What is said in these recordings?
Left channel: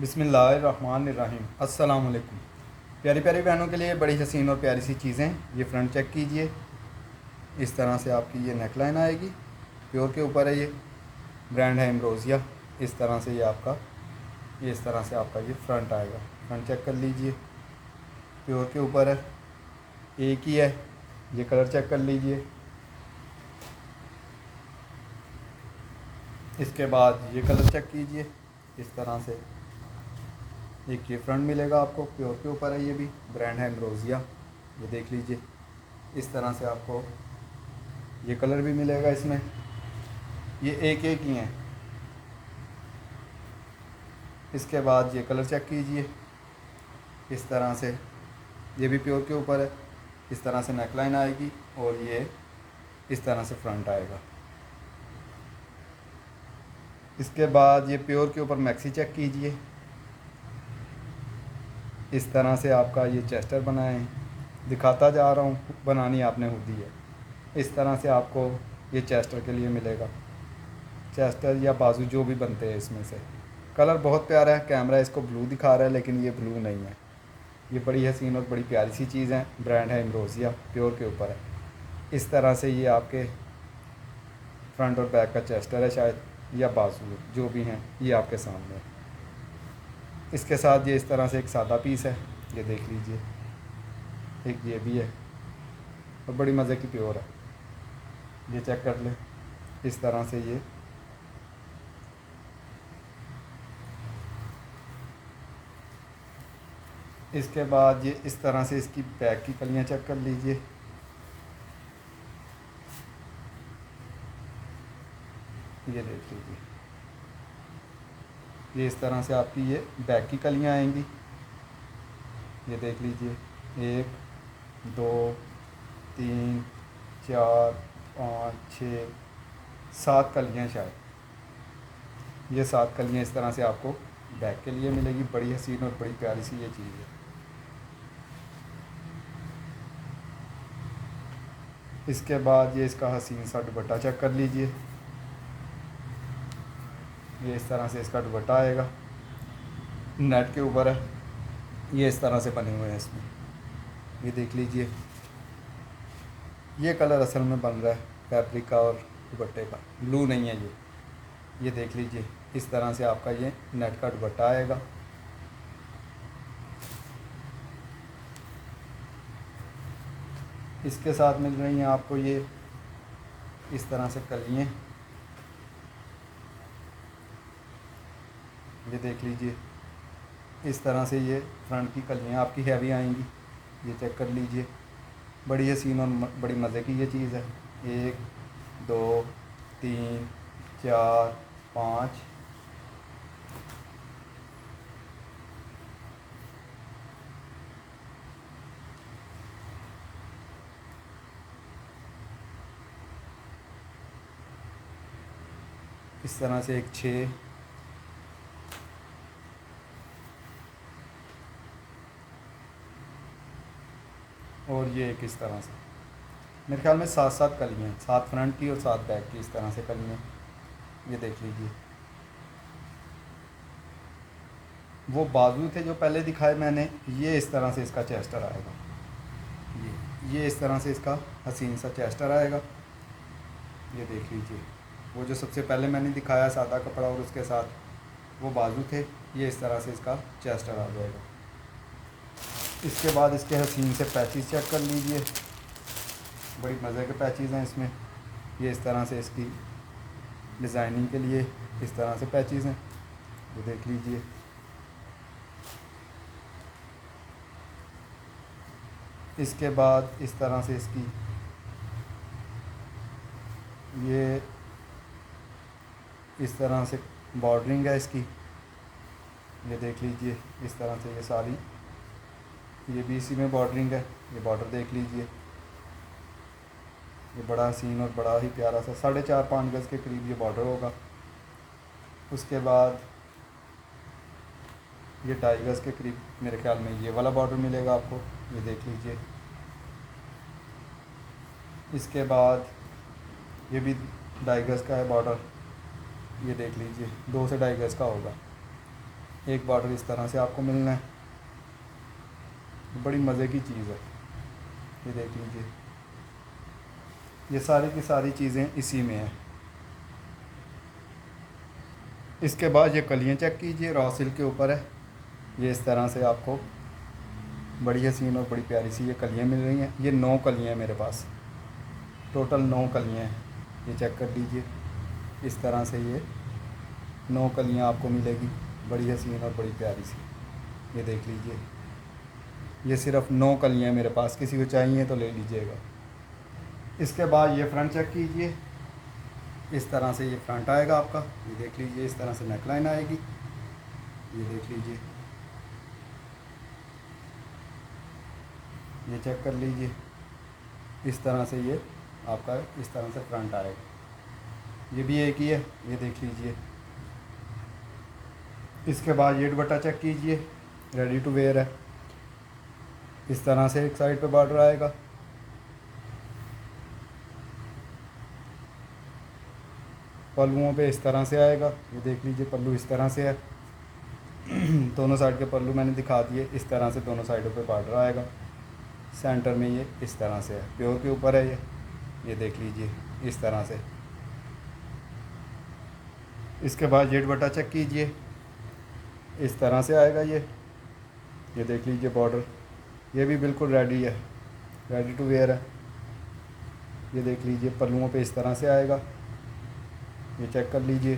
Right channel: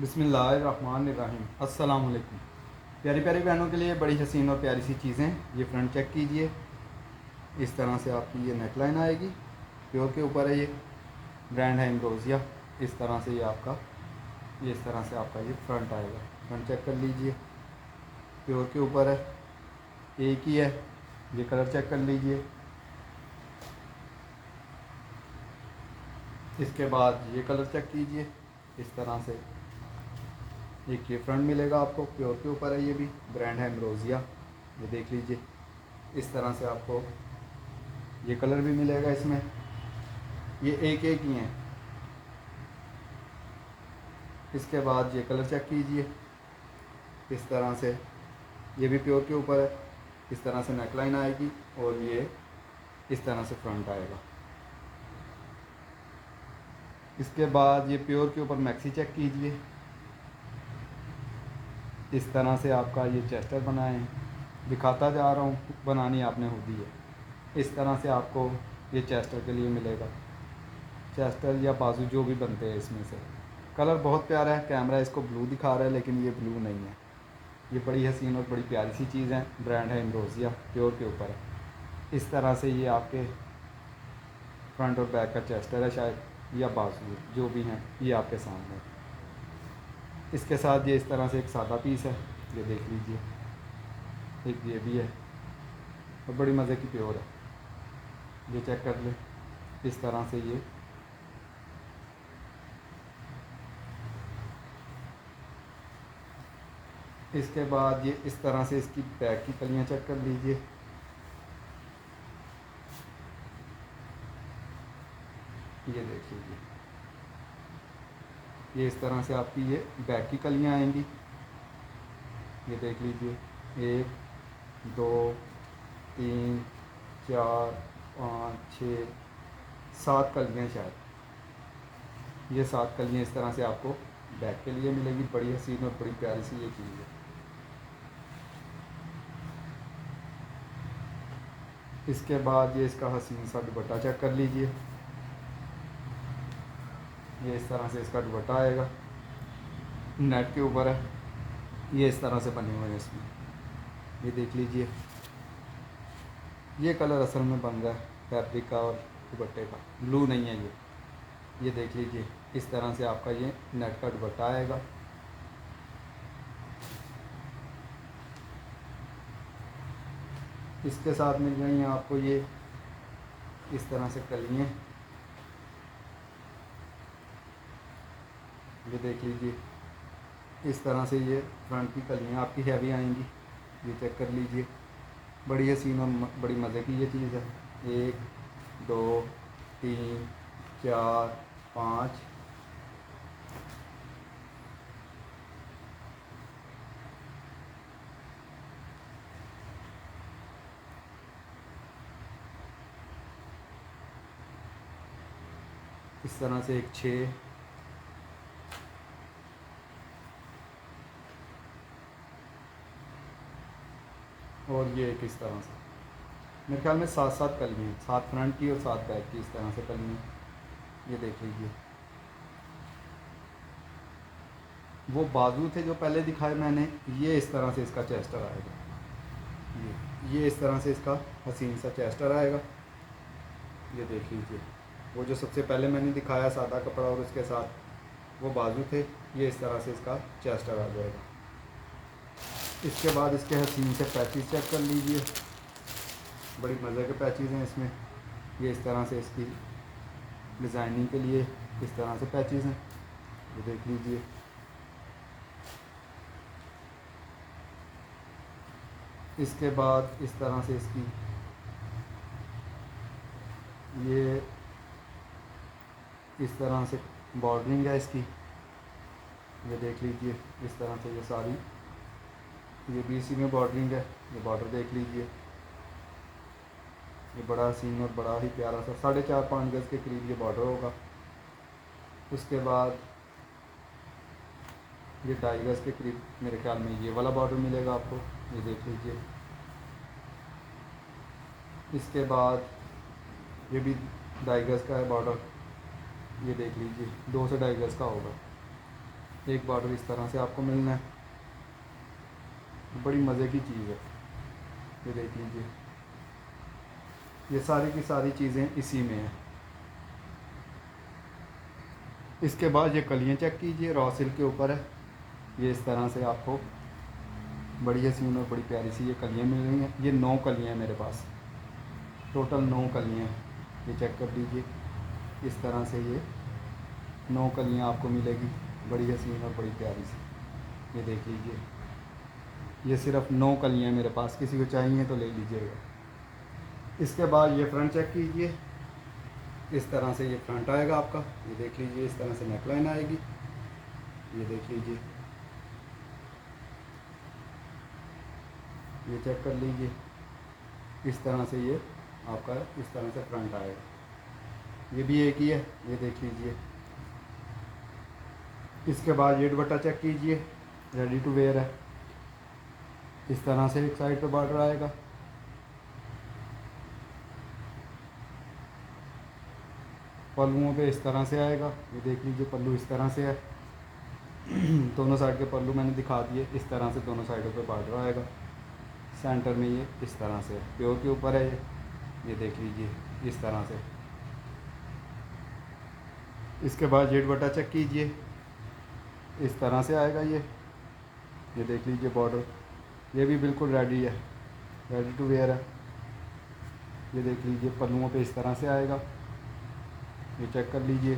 बिस्मिल्लाहिर्रहमानिर्रहीम। अस्सलाम वालेकुम। प्यारी प्यारी बहनों के लिए बड़ी हसीन और प्यारी सी चीज़ें। ये फ्रंट चेक कीजिए। इस तरह से आपकी ये नेकलाइन आएगी। प्योर के ऊपर है ये, ब्रांड है एम्ब्रोसिया। इस तरह से ये आपका इस तरह से आपका ये फ्रंट आएगा। फ्रंट चेक कर लीजिए, प्योर के ऊपर है, एक ही है। ये कलर चेक कर लीजिए। इसके बाद ये कलर चेक कीजिए। इस तरह से एक ये फ्रंट मिलेगा आपको, प्योर के ऊपर है, ये भी ब्रांड है एम्ब्रोसिया। ये देख लीजिए। इस तरह से आपको ये कलर भी मिलेगा इसमें। ये एक एक ही हैं। इसके बाद ये कलर चेक कीजिए। इस तरह से ये भी प्योर के ऊपर है। इस तरह से नेकलाइन आएगी और ये इस तरह से फ्रंट आएगा। इसके बाद ये प्योर के ऊपर मैक्सी चेक कीजिए। इस तरह से आपका ये चेस्टर बनाए, दिखाता जा रहा हूँ, बनानी आपने खुद ही है। इस तरह से आपको ये चेस्टर के लिए मिलेगा। चेस्टर या बाजू जो भी बनते हैं इसमें से। कलर बहुत प्यारा है। कैमरा इसको ब्लू दिखा रहा है लेकिन ये ब्लू नहीं है। ये बड़ी हसीन और बड़ी प्यारी सी चीज़ है। ब्रांड है एम्ब्रोसिया, प्योर के ऊपर है। इस तरह से ये आपके फ्रंट और बैक का चेस्टर है शायद, या बाजू, जो भी हैं ये आपके सामने। इसके साथ ये इस तरह से एक सादा पीस है, ये देख लीजिए। एक ये भी है और बड़ी मज़े की प्योर है। ये चेक कर लें। इस तरह से ये इसके बाद ये इस तरह से इसकी बैक की कलियाँ चेक कर लीजिए। ये देख लीजिए। ये इस तरह से आपकी ये बैक की कलियाँ आएंगी। ये देख लीजिए। 1 2 3 4 5 6 7 कलियाँ शायद। ये 7 कलियाँ इस तरह से आपको बैक के लिए मिलेगी। बड़ी हसीन और बड़ी प्यारी सी ये चीज़ है। इसके बाद ये इसका हसीन सा दुपट्टा चेक कर लीजिए। ये इस तरह से इसका दुपट्टा आएगा, नेट के ऊपर है। ये इस तरह से बने हुए हैं इसमें। ये देख लीजिए। ये कलर असल में बन रहा है फैब्रिक का और दुपट्टे का, ब्लू नहीं है ये देख लीजिए। इस तरह से आपका ये नेट का दुपट्टा आएगा। इसके साथ मिल रही हैं आपको ये इस तरह से कलियाँ। ये देख लीजिए। इस तरह से ये फ्रंट की कलियाँ आपकी हैवी आएंगी। ये चेक कर लीजिए। बड़ी हसीन और बड़ी मज़े की ये चीज़ है। 1 2 3 4 5। इस तरह से एक 6। और ये एक इस तरह से। मेरे ख्याल में 7 कलियाँ, 7 फ्रंट की और 7 बैक की, इस तरह से कलियाँ। ये देख लीजिए। वो बाजू थे जो पहले दिखाए मैंने, ये इस तरह से इसका चेस्टर आएगा। ये इस तरह से इसका हसीन सा चेस्टर आएगा। ये देख लीजिए। वो जो सबसे पहले मैंने दिखाया सादा कपड़ा और उसके साथ वो बाजू थे, ये इस तरह से इसका चेस्टर आ जाएगा। इसके बाद इसके हसीन से पैचेस चेक कर लीजिए। बड़ी मज़े के पैचेस हैं इसमें। ये इस तरह से इसकी डिज़ाइनिंग के लिए इस तरह से पैचेस हैं, ये देख लीजिए। इसके बाद इस तरह से इसकी ये इस तरह से बॉर्डरिंग है इसकी। ये देख लीजिए। इस तरह से ये सारी, ये भी इसी में बॉर्डरिंग है। ये बॉर्डर देख लीजिए। ये बड़ा हसीन और बड़ा ही प्यारा सा 4.5-5 गज़ के करीब ये बॉर्डर होगा। उसके बाद ये 2.5 गज़ के करीब मेरे ख्याल में ये वाला बॉर्डर मिलेगा आपको। ये देख लीजिए। इसके बाद ये भी 2.5 गज़ का है बॉर्डर। ये देख लीजिए, 2 से 2.5 गज़ का होगा। एक बॉर्डर इस तरह से आपको मिलना है। बड़ी मज़े की चीज़ है, ये देख लीजिए। ये सारी की सारी चीज़ें इसी में हैं। इसके बाद ये कलियाँ चेक कीजिए, रॉ सिल्क के ऊपर है। ये इस तरह से आपको बड़ी हसीन और बड़ी प्यारी सी ये कलियाँ मिल रही हैं। ये 9 कलियाँ हैं मेरे पास, टोटल 9 कलियाँ हैं। ये चेक कर लीजिए, इस तरह से ये 9 कलियाँ आपको मिलेगी, बड़ी हसीन और बड़ी प्यारी सी। ये देख लीजिए, ये सिर्फ 9 कलियाँ मेरे पास, किसी को चाहिए तो ले लीजिएगा। इसके बाद ये फ्रंट चेक कीजिए, इस तरह से ये फ्रंट आएगा आपका। ये देख लीजिए, इस तरह से नेकलाइन आएगी। ये देख लीजिए, ये चेक कर लीजिए, इस तरह से ये आपका इस तरह से फ्रंट आएगा। ये भी एक ही है, ये देख लीजिए। इसके बाद ये दुपट्टा चेक कीजिए, रेडी टू वेयर है। इस तरह से एक साइड पे बॉर्डर आएगा, पल्लुओं पे इस तरह से आएगा। ये देख लीजिए, पल्लू इस तरह से है। दोनों साइड के पल्लू मैंने दिखा दिए, इस तरह से दोनों साइडों पे बॉर्डर आएगा। सेंटर में ये इस तरह से है, प्योर के ऊपर है ये देख लीजिए, इस तरह से। इसके बाद ये दुपट्टा चेक कीजिए, इस तरह से आएगा ये देख लीजिए बॉर्डर। ये भी बिल्कुल रेडी है, रेडी टू वेयर है। ये देख लीजिए, पल्लुओं पे इस तरह से आएगा। ये चेक कर लीजिए,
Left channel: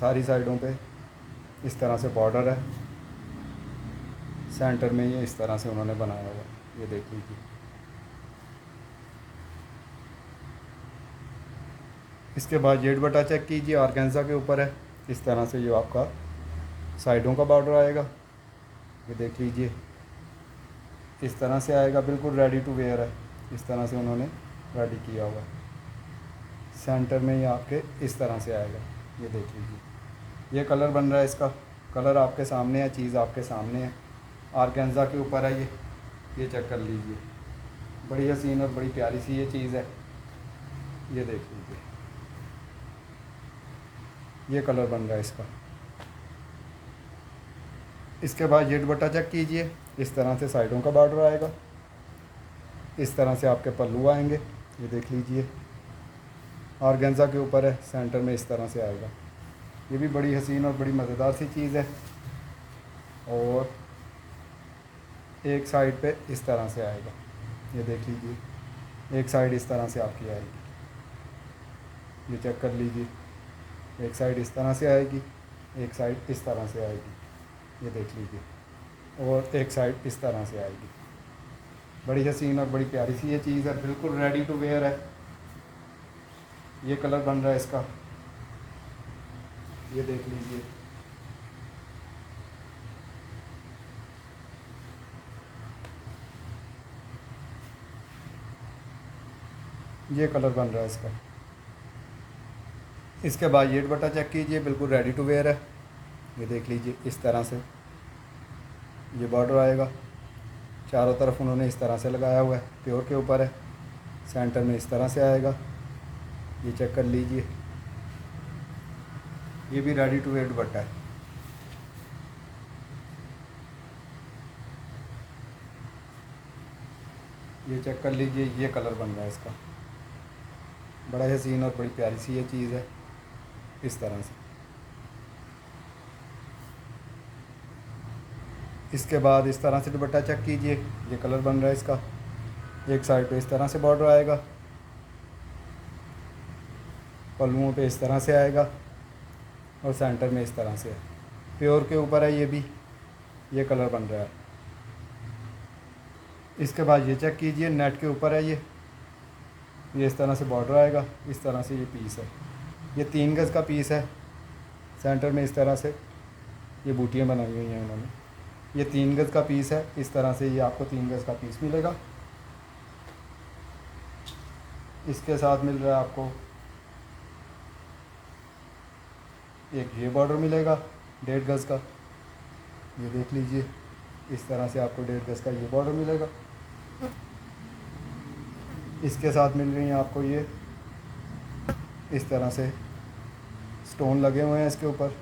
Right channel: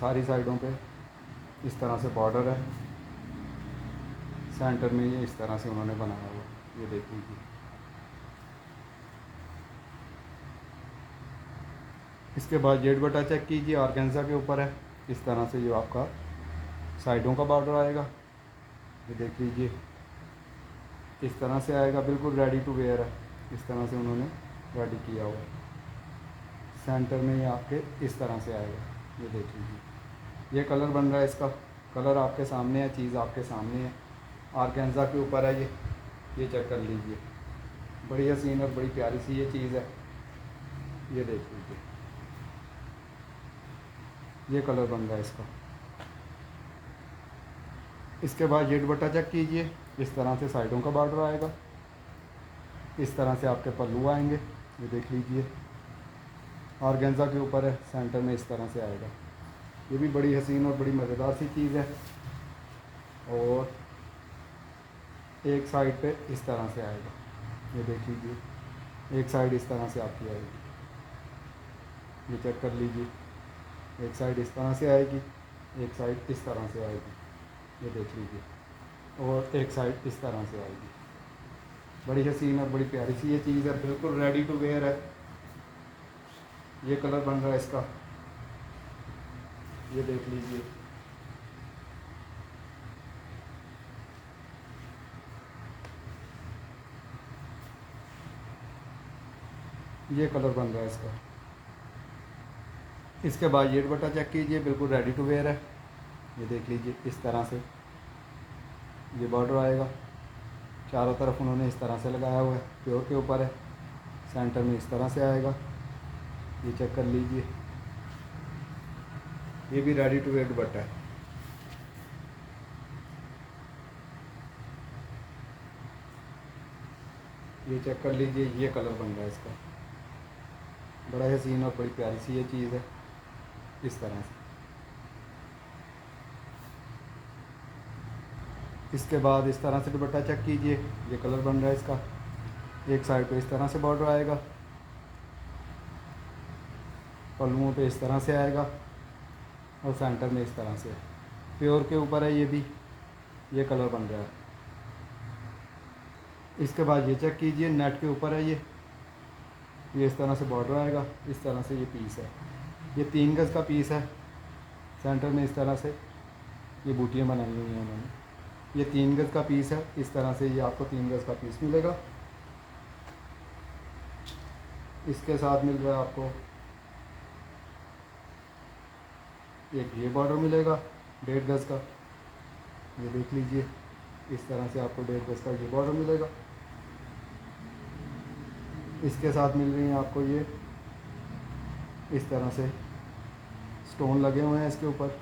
सारी साइडों पे इस तरह से बॉर्डर है। सेंटर में ये इस तरह से उन्होंने बनाया हुआ, ये देख लीजिए। इसके बाद ये दुपट्टा चेक कीजिए, ऑर्गेन्जा के ऊपर है। इस तरह से ये आपका साइडों का बॉर्डर आएगा। ये देख लीजिए, इस तरह से आएगा, बिल्कुल रेडी टू वेयर है। इस तरह से उन्होंने रेडी किया हुआ है। सेंटर में ये आपके इस तरह से आएगा, ये देख लीजिए। ये कलर बन रहा है, इसका कलर आपके सामने है, चीज़ आपके सामने है। ऑर्गेन्जा के ऊपर है ये चेक कर लीजिए, बड़ी हसीन और बड़ी प्यारी सी ये चीज़ है। ये देख लीजिए, ये कलर बन रहा है इसका। इसके बाद ये दुपट्टा चेक कीजिए, इस तरह से साइडों का बॉर्डर आएगा। इस तरह से आपके पल्लू आएंगे, ये देख लीजिए। ऑर्गेन्जा के ऊपर है, सेंटर में इस तरह से आएगा। ये भी बड़ी हसीन और बड़ी मज़ेदार सी चीज़ है। और एक साइड पे इस तरह से आएगा, ये देख लीजिए। एक साइड इस तरह से आपकी आएगी, ये चेक कर लीजिए। एक साइड इस तरह से आएगी, एक साइड इस तरह से आएगी, ये देख लीजिए। और एक साइड इस तरह से आएगी। बड़ी हसीन और बड़ी प्यारी सी ये चीज़ है, बिल्कुल रेडी टू वेयर है। ये कलर बन रहा है इसका, ये देख लीजिए। ये कलर बन रहा है इसका। इसके बाद ये दुपट्टा चेक कीजिए, बिल्कुल रेडी टू वेयर है। ये देख लीजिए, इस तरह से ये बॉर्डर आएगा। चारों तरफ उन्होंने इस तरह से लगाया हुआ है, प्योर के ऊपर है। सेंटर में इस तरह से आएगा, ये चेक कर लीजिए। ये भी रेडी टू वेयर दुपट्टा है। ये चेक कर लीजिए, ये कलर बन रहा है इसका। बड़ा हसीन और बड़ी प्यारी सी ये चीज़ है, इस तरह से। इसके बाद इस तरह से दुपट्टा चेक कीजिए, ये कलर बन रहा है इसका। एक साइड पे इस तरह से बॉर्डर आएगा, पल्लुओं पे इस तरह से आएगा, और सेंटर में इस तरह से है। प्योर के ऊपर है ये भी, ये कलर बन रहा है। इसके बाद ये चेक कीजिए, नेट के ऊपर है ये इस तरह से बॉर्डर आएगा। इस तरह से ये पीस है, ये 3 गज़ का पीस है। सेंटर में इस तरह से ये बूटियाँ बनाई हुई हैं उन्होंने। ये 3 गज़ का पीस है, इस तरह से ये आपको 3 गज़ का पीस मिलेगा। इसके साथ मिल रहा है आपको एक ये बॉर्डर मिलेगा 1.5 गज़ का, ये देख लीजिए। इस तरह से आपको 1.5 गज़ का ये बॉर्डर मिलेगा। इसके साथ मिल रही हैं आपको ये इस तरह से स्टोन लगे हुए हैं इसके ऊपर,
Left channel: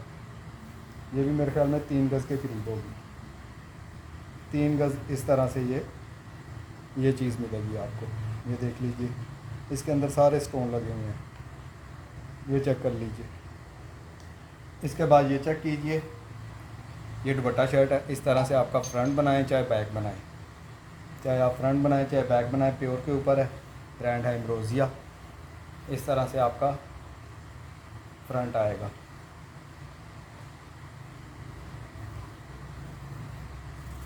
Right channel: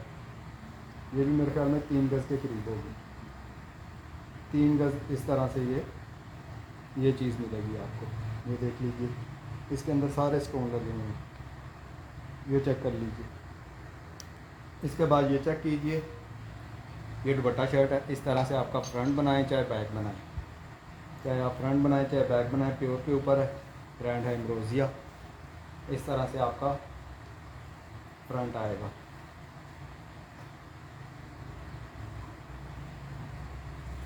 ये भी मेरे ख्याल में 3 गज़ के करीब होगी। 3 गज़ इस तरह से ये चीज़ मिलेगी आपको। ये देख लीजिए, इसके अंदर सारे स्टोन लगे हुए हैं, ये चेक कर लीजिए। इसके बाद ये चेक कीजिए, ये दुपट्टा शर्ट है। इस तरह से आपका फ्रंट बनाएं चाहे बैक बनाएं, चाहे आप फ्रंट बनाएं चाहे बैक बनाएं, प्योर के ऊपर है, ब्रांड है एम्ब्रोसिया। इस तरह से आपका फ्रंट आएगा।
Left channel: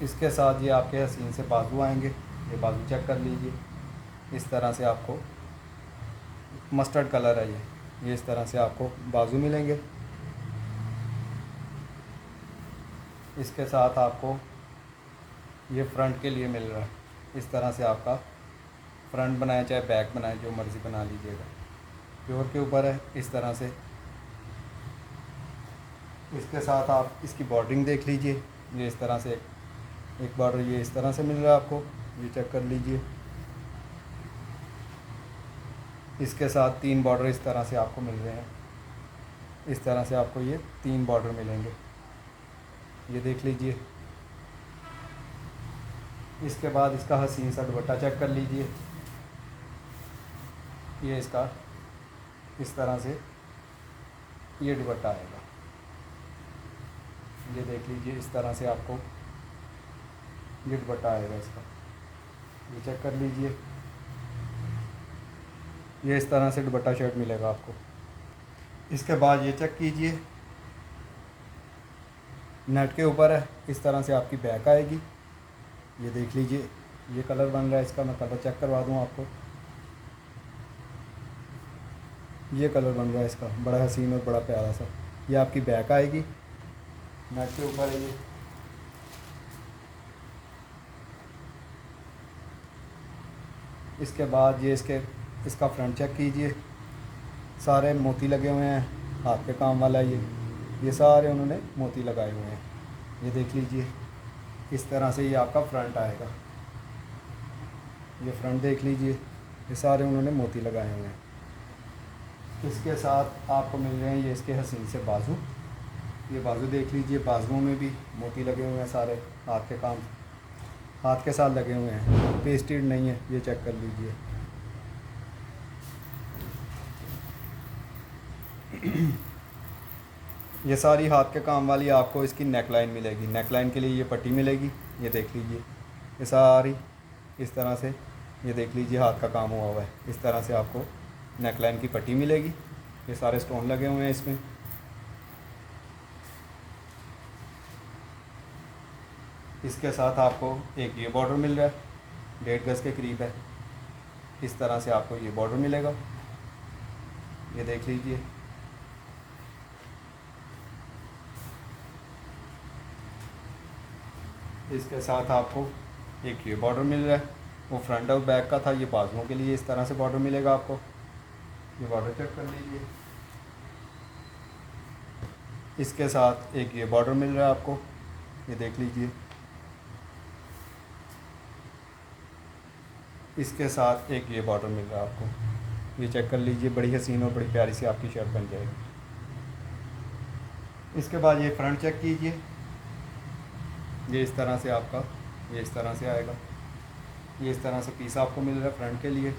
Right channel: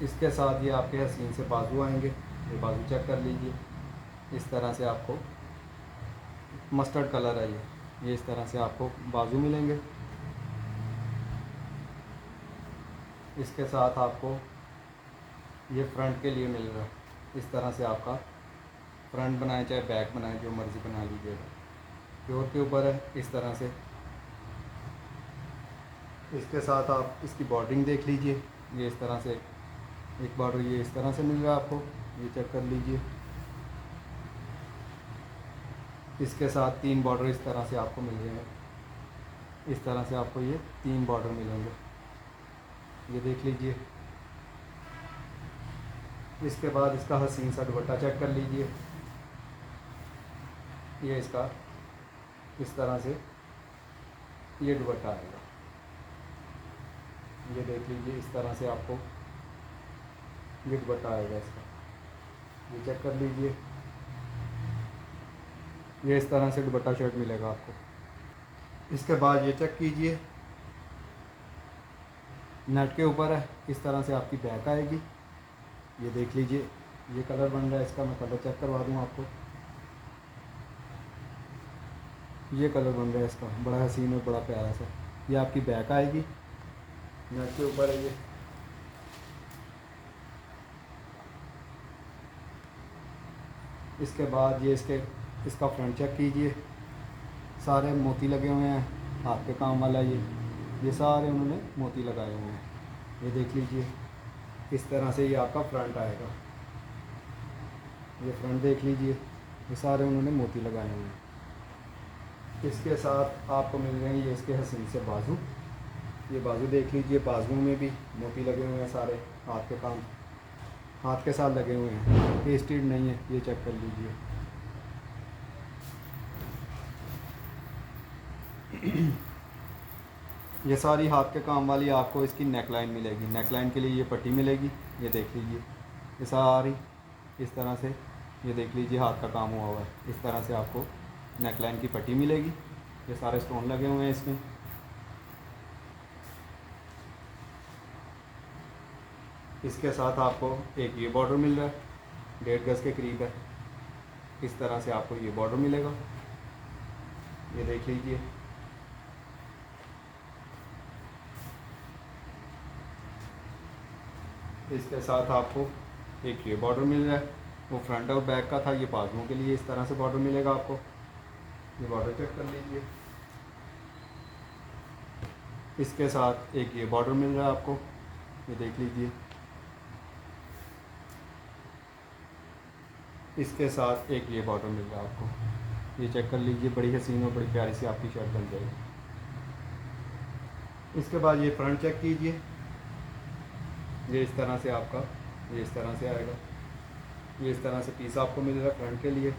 इसके साथ ये आपके हसीन से बाजू आएंगे, ये बाजू चेक कर लीजिए। इस तरह से आपको मस्टर्ड कलर है ये इस तरह से आपको बाजू मिलेंगे। इसके साथ आपको ये फ्रंट के लिए मिल रहा है। इस तरह से आपका फ्रंट बनाए चाहे बैक बनाए, जो मर्ज़ी बना लीजिएगा, प्योर के ऊपर है। इस तरह से इसके साथ आप इसकी बॉर्डरिंग देख लीजिए, ये इस तरह से एक बॉर्डर ये इस तरह से मिल रहा है आपको, ये चेक कर लीजिए। इसके साथ 3 बॉर्डर इस तरह से आपको मिल रहे हैं। इस तरह से आपको ये 3 बॉर्डर मिलेंगे, ये देख लीजिए। इसके बाद इसका हसीन सा दुपट्टा चेक कर लीजिए, ये इसका इस तरह से ये दुपट्टा आएगा, ये देख लीजिए। इस तरह से आपको ये दुपट्टा आएगा इसका, ये चेक कर लीजिए। ये इस तरह से दुपट्टा शर्ट मिलेगा आपको। इसके बाद ये चेक कीजिए, नेट के ऊपर है। इस तरह से आपकी बैक आएगी, ये देख लीजिए। ये कलर बन रहा है इसका, मैं कलर चेक करवा दूँ आपको। ये कलर बन रहा है इसका, बड़ा हसीन और बड़ा प्यारा सा। ये आपकी बैक आएगी, नेट के ऊपर है ये। इसके बाद ये इसका फ्रंट चेक कीजिए, सारे मोती लगे हुए हैं, हाथ पे काम वाला ये सारे उन्होंने मोती लगाए हुए हैं, ये देख लीजिए। इस तरह से ये आपका फ्रंट आएगा, ये फ्रंट देख लीजिए, ये सारे उन्होंने मोती लगाए हुए हैं। इसके साथ आपको मिल रहे हैं ये इसके हसीन से बाजू, ये बाजू देख लीजिए, बाजुओं में भी मोती लगे हुए हैं, सारे हाथ के काम हाथ के साथ लगे हुए हैं, पेस्टेड नहीं है, ये चेक कर लीजिए। ये सारी हाथ के काम वाली आपको इसकी नेकलाइन मिलेगी। नेकलाइन के लिए ये पट्टी मिलेगी, ये देख लीजिए। ये सारी इस तरह से ये देख लीजिए हाथ का काम हुआ हुआ है। इस तरह से आपको नेकलाइन की पट्टी मिलेगी, ये सारे स्टोन लगे हुए हैं इसमें। इसके साथ आपको एक ये बॉर्डर मिल रहा है, 1.5 गज़ के करीब है। इस तरह से आपको ये बॉर्डर मिलेगा, ये देख लीजिए। इसके साथ आपको एक ये बॉर्डर मिल रहा है, वो फ्रंट और बैक का था, ये बाजुओं के लिए इस तरह से बॉर्डर मिलेगा आपको, ये बॉर्डर चेक कर लीजिए। इसके साथ एक ये बॉर्डर मिल रहा है आपको, ये देख लीजिए। इसके साथ एक ये बॉर्डर मिल रहा है आपको, ये चेक कर लीजिए। बड़ी हसीन और बड़ी प्यारी सी आपकी शर्ट बन जाएगी। इसके बाद ये फ्रंट चेक कीजिए, ये इस तरह से आपका ये इस तरह से आएगा, ये इस तरह से पीस आपको मिल रहा है फ्रंट के लिए,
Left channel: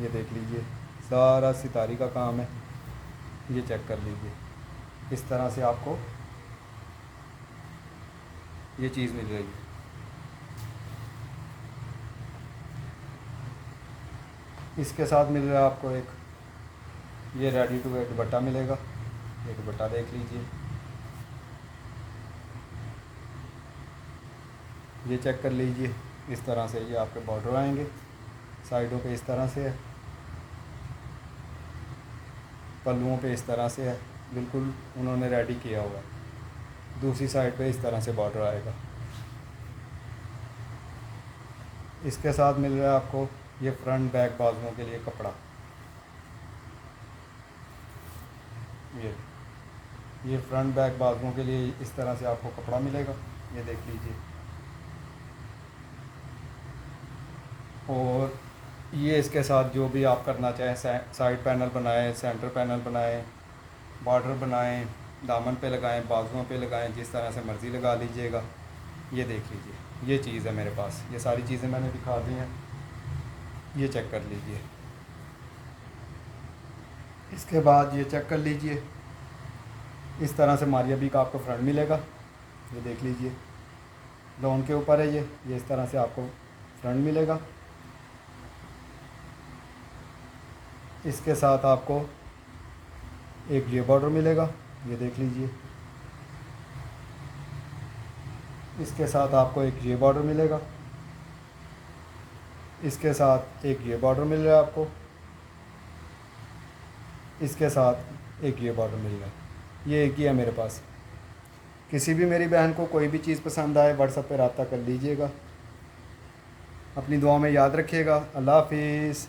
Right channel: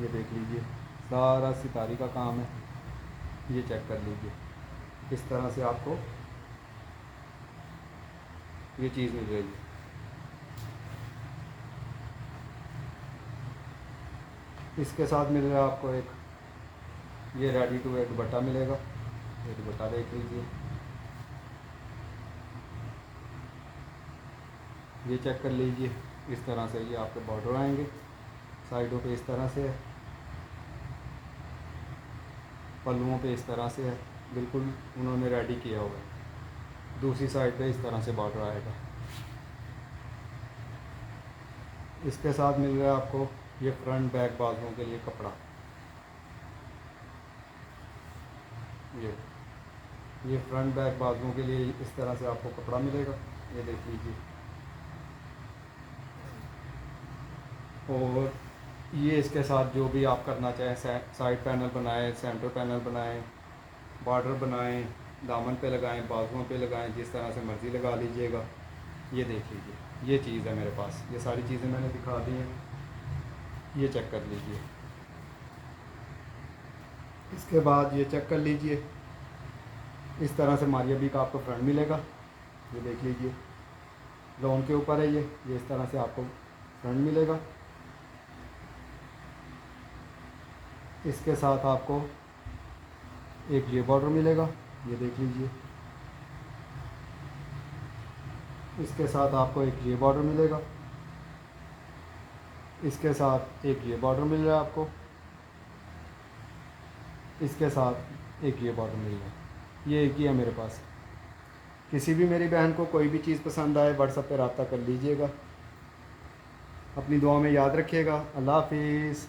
ये देख लीजिए। सारा सितारी का काम है, ये चेक कर लीजिए। इस तरह से आपको ये चीज़ मिल रही है। इसके साथ मिल रहा है आपको एक ये रेडी टू वेयर दुपट्टा मिलेगा, ये दुपट्टा देख लीजिए, ये चेक कर लीजिए। इस तरह से ये आपके बॉर्डर आएंगे, साइडों पे इस तरह से है, पल्लुओं पे इस तरह से है, बिल्कुल उन्होंने रेडी किया हुआ है। दूसरी साइड पे इस तरह से बॉर्डर आएगा। इसके साथ मिल रहा है आपको ये फ्रंट बैक बाजुओं के लिए कपड़ा, ये फ्रंट बैक बाजुओं के लिए इस तरह से आपको कपड़ा मिलेगा, ये देख लीजिए। और ये इसके साथ जो भी आप करना चाहें, साइड पैनल बनाएं, सेंटर पैनल बनाएं, बॉर्डर बनाएं, दामन पे लगाएं, बाजुओं पे लगाएं, जिस तरह से मर्ज़ी लगा लीजिएगा। ये देख लीजिए, ये चीज़ है मेरे पास, ये सारी चीज़ें मैंने दिखा दी हैं, ये चेक कर लीजिए। इसके बाद ये चेक कर लीजिए, इस तरह से मारिया बी का आपको फ्रंट मिलेगा। ये देख लीजिए, लोन के ऊपर है ये इस तरह से आपको फ्रंट मिलेगा। इसके साथ आपको एक ये बॉर्डर मिलेगा, ये देख लीजिए। इसके साथ आपको एक ये बॉर्डर मिलेगा, इसके साथ एक ये बॉर्डर मिल रहा है आपको, इसके साथ एक ये बॉर्डर मिल रहा है। ये एक ही है मेरे पास। किसी भी मेरी बहन को कोई भी चीज़ पसंद आए व्हाट्सएप पे रब्ता कर लीजिएगा। अपनी दुआ में याद रखिएगा। अल्लाह हाफिज़।